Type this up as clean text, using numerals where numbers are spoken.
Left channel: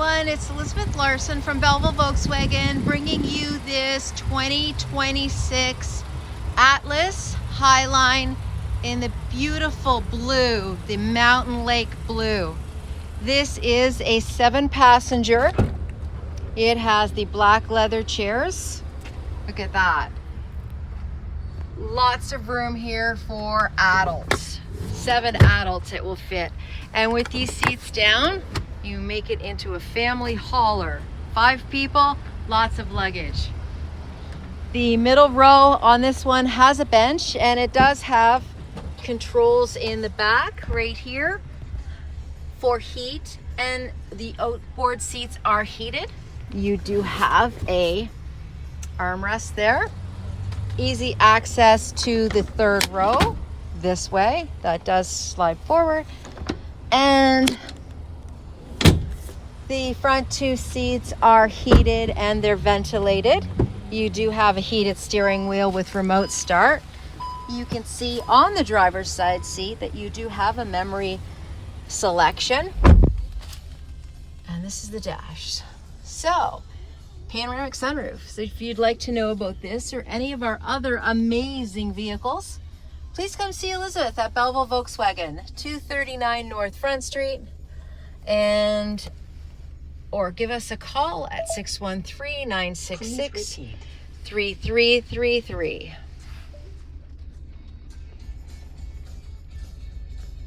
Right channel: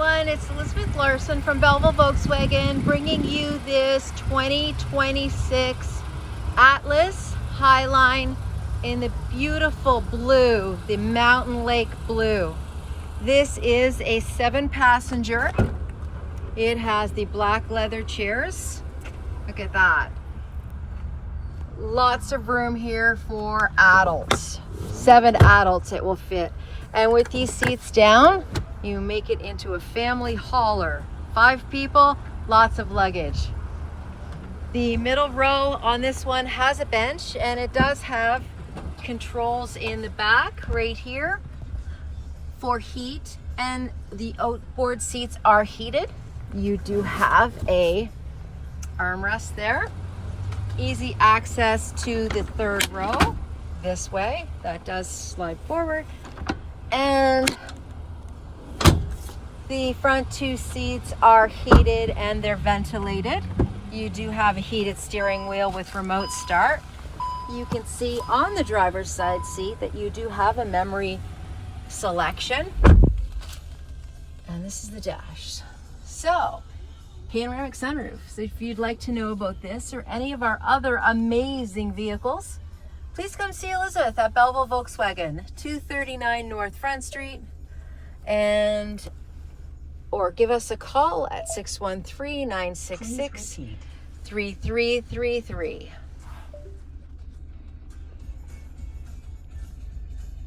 everyone, it's Elizabeth Larson from Belleville Volkswagen bringing you this 2026 Atlas Highline in the beautiful blue, the Mountain Lake blue. This is a 7-passenger. It has the black leather chairs. Look at that. Lots of room here for adults. 7 adults it will fit. And with these seats down, you make it into a family hauler. 5 people, lots of luggage. The middle row on this one has a bench, and it does have controls in the back right here for heat, and the outboard seats are heated. You do have a armrest there. Easy access to the 3rd row this way. That does slide forward. And the front 2 seats are heated and they're ventilated. You do have a heated steering wheel with remote start. You can see on the driver's side seat that you do have a memory selection. And this is the dash. So, panoramic sunroof. So if you'd like to know about this or any of our other amazing vehicles, please come see Elizabeth at Belleville Volkswagen, 239 North Front Street, or give us a call at 613-966-3333.